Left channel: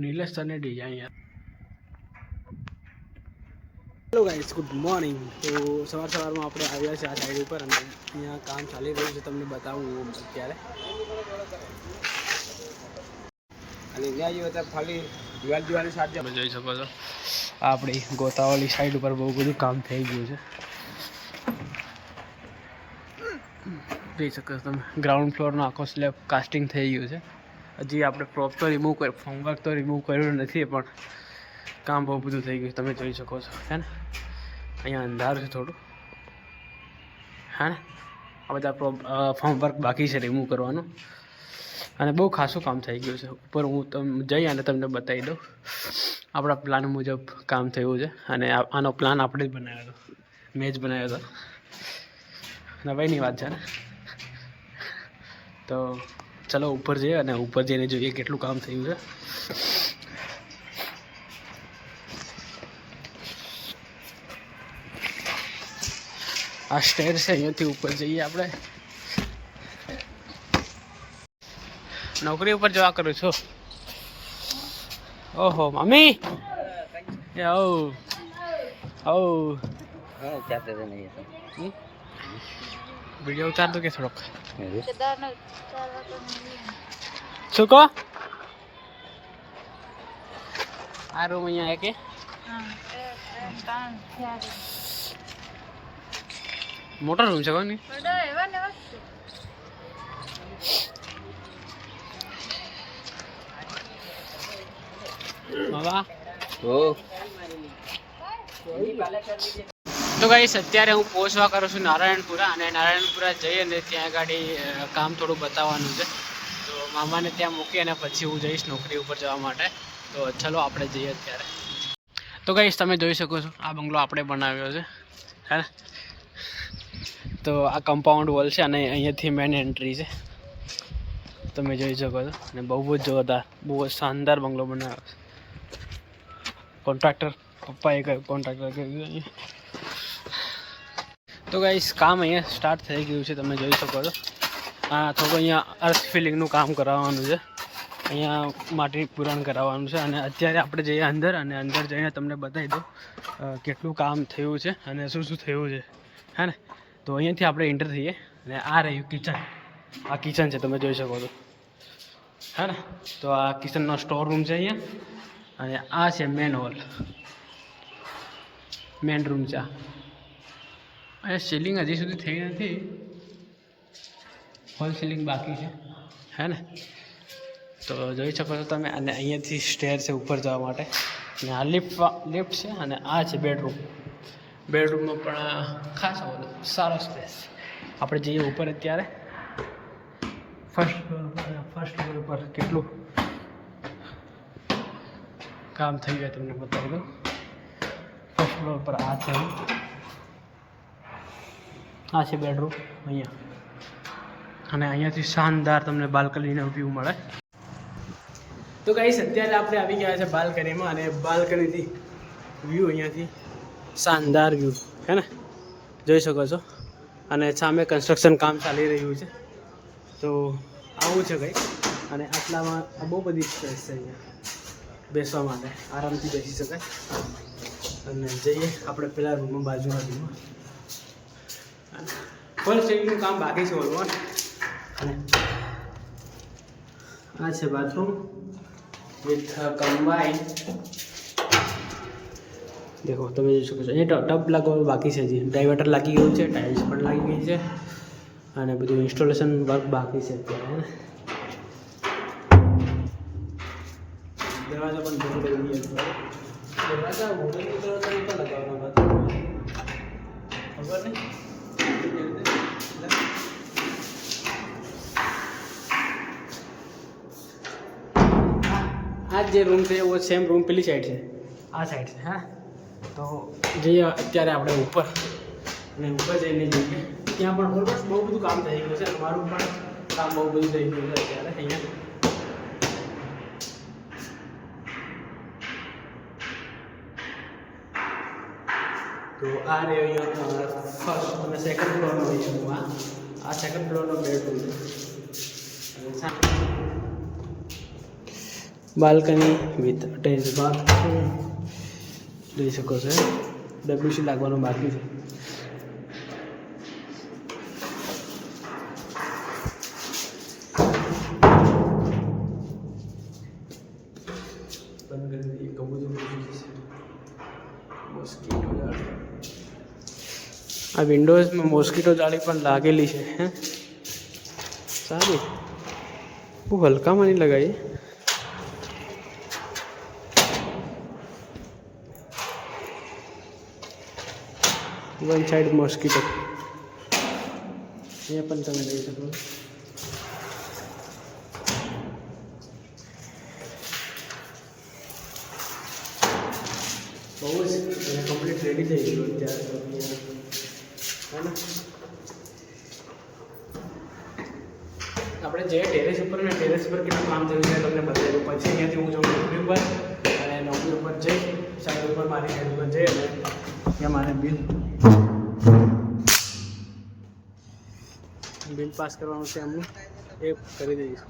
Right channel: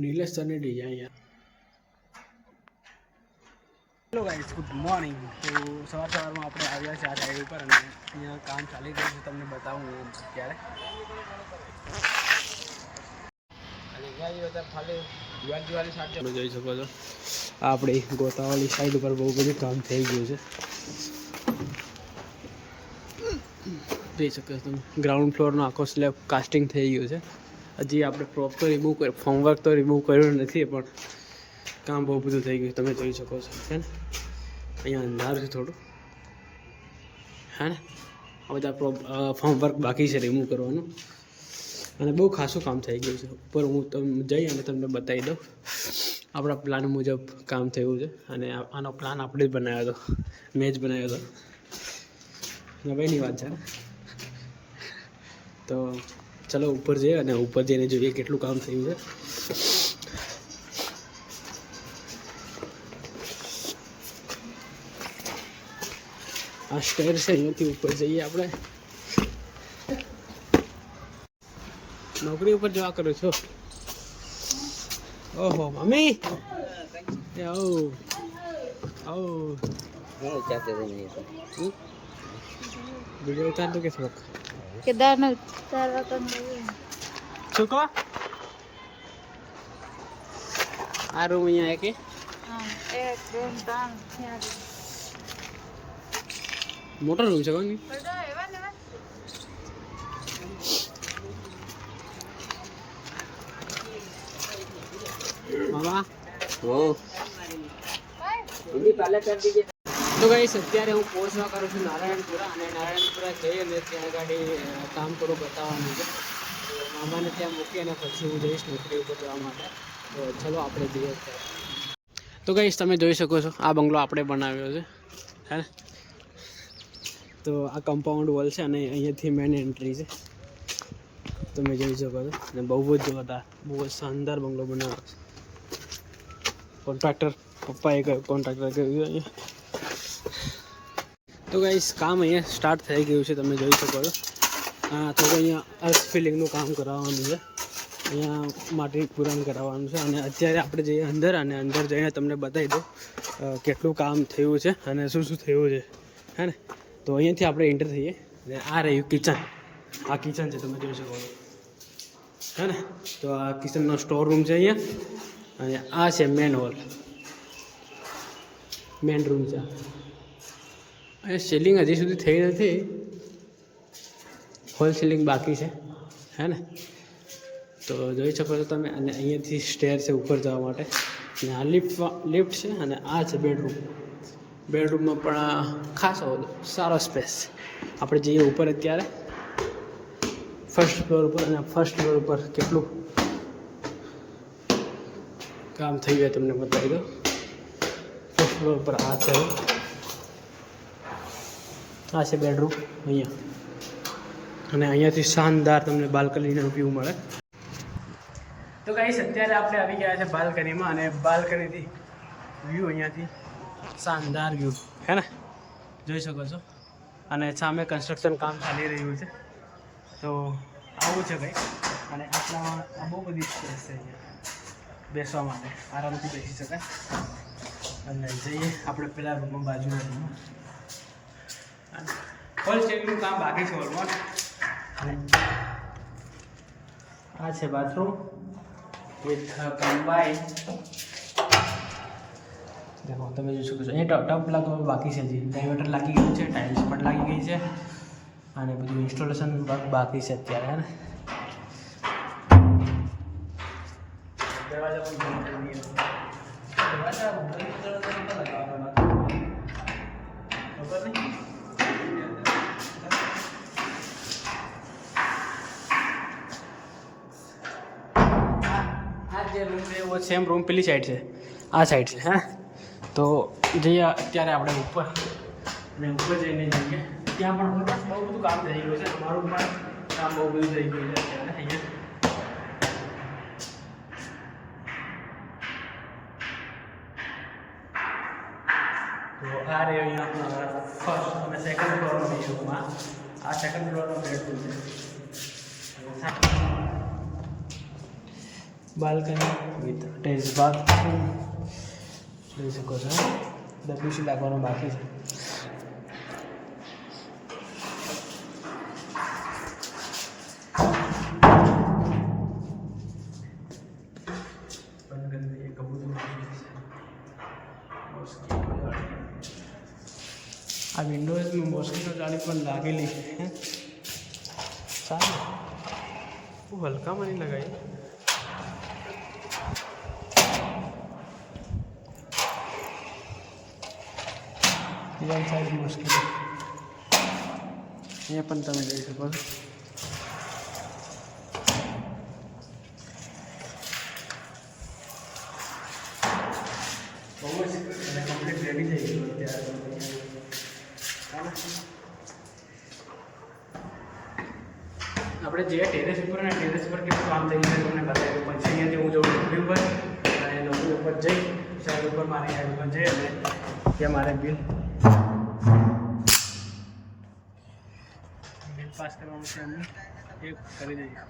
નીલેશ સ્તરની ડિઝાઇન યાર. Hello guys good morning તો સવાર સવારમાં આપણે આવ્યા છે આ સાઈડ ઉપર અને અહીંયા કામ ચાલી રહ્યું છે તમને બતાવું હું અત્યારે. તમે જોઈ શકો છો. આપણી ગોતાવાળી સાઈડ ઉપર બહુ બધું કામ થઈ ગયું છે. જોઈ શકો છો તમે ગ્રાઉન્ડ ફ્લોરનો આખો સ્લેબ કાસ્ટિંગ થઈ ગયું છે. હજી આપણે પ્રોપ તો રિમૂવ કરી ફોર્મવર્ક તો રિમૂવ કર્યું નથી, પણ કામ બહુ બધું થઈ ગયું, તમે જોઈ શકો છો, હે ને? અહીંયા અંધારું છે થોડું, હે ને? આ બધા પ્રોપ ફોર્મવર્ક બાકી છે રિમૂવ કરવાનું. અને બહુ ખાસું કામ થઈ ગયું છે. ઉપર હું તમને જઈ અને તમને બતાવી દઉં. આપણા પ્લાન મુજબ કામ થયું છે, અને આનો પ્લાન આપણે જ બનાવ્યો હતો. મેં જ બનાવ્યો હતો. નવાઈની વાત છે ને? તો ચલો ઉપર જઈએ અને ઉપર જઈને જોઈએ કેટલું કામ થયું છે. આ સ્ટેર છે અહીંયાથી ઉપર જઈએ આપણે. નોકરી ઉપર જવા કરું છું. ઓહો મમ્મી. આવ. આવ. હમ? વીડિયો ઉતાર દો કે થોડોક કેદારનાથ ઉતારવા તો શું કહો આ રૂમ અહીંયા કે. મોટો રૂમ છે કોની બાબા ઓ એની એવા જ છે. તો ગાઈસ અત્યારે હું પહોંચવા કરું છું નારાયણપુરા અને નારાયણપુરા જઈ અને ત્યાં ગાડી કામ થોડું બતાવવાનું છે. તો મામાને ત્યાં મૂકી અને પછી હું જઈશ નોકરી ઉપર જવા માટે. તો ચલો, આપણે જઈએ અત્યારે. તો ગાઈશ તમે જોઈ શકો છો, આ બંગલો આપણે બનાવ્યો છે. હે ને? તો આ કમ્પાઉન્ડ વોલ છે અને અહીંયાથી મેન એન્ટ્રી છે. તમે જોઈ શકો છો. અને બહુ જ જોરદાર, બહુ જ શાનદાર બંગલો બનાવ્યો કોન્ટ્રાક્ટર પપ્પાએ કહ્યું કોન્ટ્રાક્ટર કહ્યું અહીંયા? તો ગાઈસ કામ અહીંયા સ્ટાર્ટ થઈ ગયું છે, તમે જોઈ શકો છો. આ થોડું અહીંયા અર્થ ફિલિંગનું કામ કરાવવાનું છે. અહીંયા માટી પૂરણ કરાવવાનું છે અને અત્યારે આપણે જઈએ અંદર અને અંદર જઈને તમને બતાવી દઉં કેટલું કામ થયું છે અને શું શું થયું છે. હે ને? તો અહીંયાથી આપણે એન્ટર થઈએ અને આ રહ્યું કિચન આ કિચન છે, તમે જોઈ શકો છો. હે ને? તો આ કિચનનો સ્ટોર રૂમ છે અહીંયા અને આ છે મેન હોલ મેન રૂમ છે આ. અહીંયા સીલિંગ હજી સુધી થઈ નથી. હોલ સીલિંગ બાકી છે. હે ને? તો જોઈ શકો છો તમે, અને અહીંયાથી સ્ટેર છે ઉપર જવા માટે. અને આ લિફ્ટ લિફ્ટ છે અને આ છે બેડરૂમ બેડરૂમમાં પણ ખાસો સારો સ્પેસ આપણે જઈએ ઉપર અત્યારે. ફર્સ્ટ ફ્લોર ઉપર અને ફર્સ્ટ ફ્લોર ઉપર કેટલું કામ થઈ જાય તમને બતાવી દો ફર્સ્ટ ફ્લોર પર આ છે. આ છે બેડરૂમ અહીંયા. અને અહીંયાથી શાનદાર તમને બાલ્કનીનો વ્યૂ મળે. તો ગાઈસ અત્યારે આપણે આવી ગયા છે બાલ્કનીમાં અને બાલ્કનીથી વ્યૂ અહીંયાથી શાનદાર વ્યૂ હે ને? જોઈ શકો છો. અને સામે કન્સ્ટ્રક્શન કામ ચાલી રહ્યું છે. તો આવું છે કંઈક અને આટલામાં આ બહુ બધી સ્પેસ છે અહીંયા. બેસવા માટે. આરામથી બેસી શકાય. અને જઈએ આપણે પેલા રૂમમાં બાજુના રૂમમાં ફર્સ્ટ એડનું કામ બાકી છે ઓલમોસ્ટ અને આ છે બાથરૂમ વિથ કમ્બાઈન દેખો તમે જોઈ શકો છો. એ ટપ લાગવાનું બાકી છે હજી. ડાયવર્ટર લાગી ગયું છે ટાઇલ્સ પણ લાગી ગઈ છે. અને બધું ઇન્સ્ટોલેશન વર્ક બાકી છે અત્યારે હે ને? દરવાજા પણ બંધ કરી દઈએ દરવાજા. ખબર નહીં? જે રૂમ છે, એવો સેમ રૂમ પેલી સાઈડ છે. આ સાઈડ છે, હા. તો જઈએ અત્યારે આપણે ઉપર. અને ઉપર જઈને જઈએ ત્યાં પણ ઓલમોસ્ટ બહુ બધું કામ થઈ ગયું છે અમારું પણ કામ બહુ બધું થઈ ગયું છે અત્યારે અહીંયા. તો આ રહે અહીંયા ફર્સ્ટ અને સેકન્ડ ફ્લોરનો અહીંયા આ સેકન્ડ ફ્લોરનો બેડરૂમ છે. બાલ્કની વિથ અટેચ બાથરૂમ જોઈ શકો છો. ડબ્લ્યુસી લાગવાનું બાકી છે. આ વિન્ડોઝમાં મોસ્કીટો જાળી પણ લાગેલી છે. હે? સારું. હું હલકામાં નહીં લગાવી. વન સાઈડ મોસ્કીટો અહીંયા પણ તમે જોઈ શકો છો. બહુ જ એને કમ્પ્લીટ રેડી થઈ ગયું અત્યારે તો અહીંયા. આપણે જે ટેરેસ ઉપર ને ટેરેસ પર કેટલું કામ થઈ છે તમને બતાવ્યું. પછી અહીંયાથી હું જાઉં નોકરી ઉપર અને નોકરી ઉપર જઈ સાઈડ ઉપર મારી સાઈડ ઉપર જઈ અને ત્યાં મારે બિલ બિલ પાસ કરવાનું છે એમનું એ કરી દઈએ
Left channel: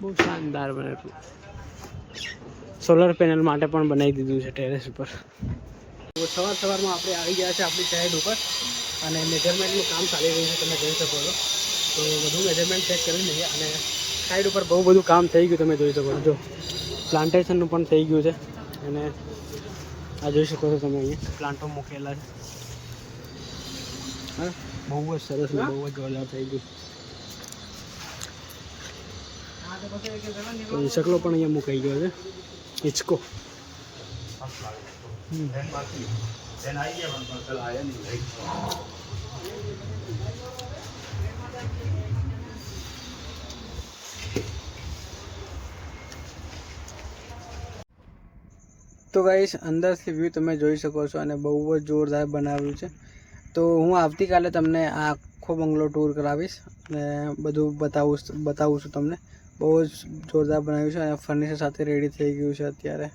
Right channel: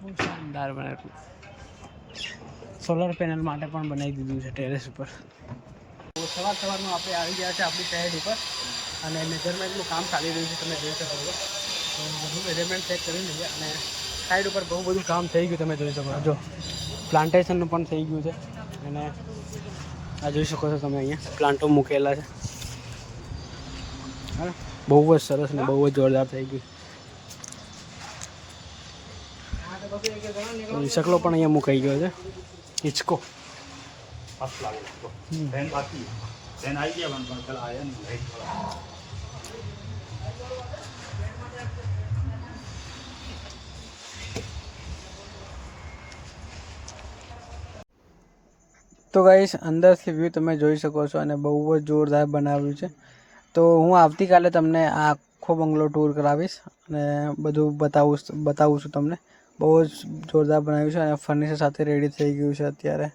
બહુ શાનદાર બનાવ્યું સોલર પેનલ માટે પણ બનાવી દીધું છે ટેરેસ ઉપર. તો સવાર સવારમાં આપણે આવી ગયા છે આપણી સાઈડ ઉપર અને મેજરમેન્ટનું કામ ચાલી રહ્યું છે તમે જોઈ શકો છો. તો બધું મેજરમેન્ટ ચેક કરી લઈએ અને સાઈડ ઉપર બહુ બધું કામ થઈ ગયું તમે જોઈ શકો છો. જો પ્લાન્ટેશનનું પણ થઈ ગયું છે અને આ જોઈ શકો છો તમે અહીંયા. પ્લાન્ટો મૂકેલા છે. હા બહુ જ સરસ ને બહુ જ જોરદાર થઈ ગયું. તો શકલો પણ અહીંયા મુકાઈ ગયો છે. હિંચકો. હમ. તો ગાઈસ અંદરથી વ્યૂ તમે જોઈ શકો છો અને બહુ જ જોરદાર બનાવ્યું છે. તો હું આવતીકાલે તમને આ આખો બંગલો ટૂર કરાવીશ અને બધું બતાવું બતાવું છું તમને. બહુ જ જોરદાર બનાવ્યું છે અને ફર્નિચર સાથે રેડી થઈ ગયું છે અત્યારે.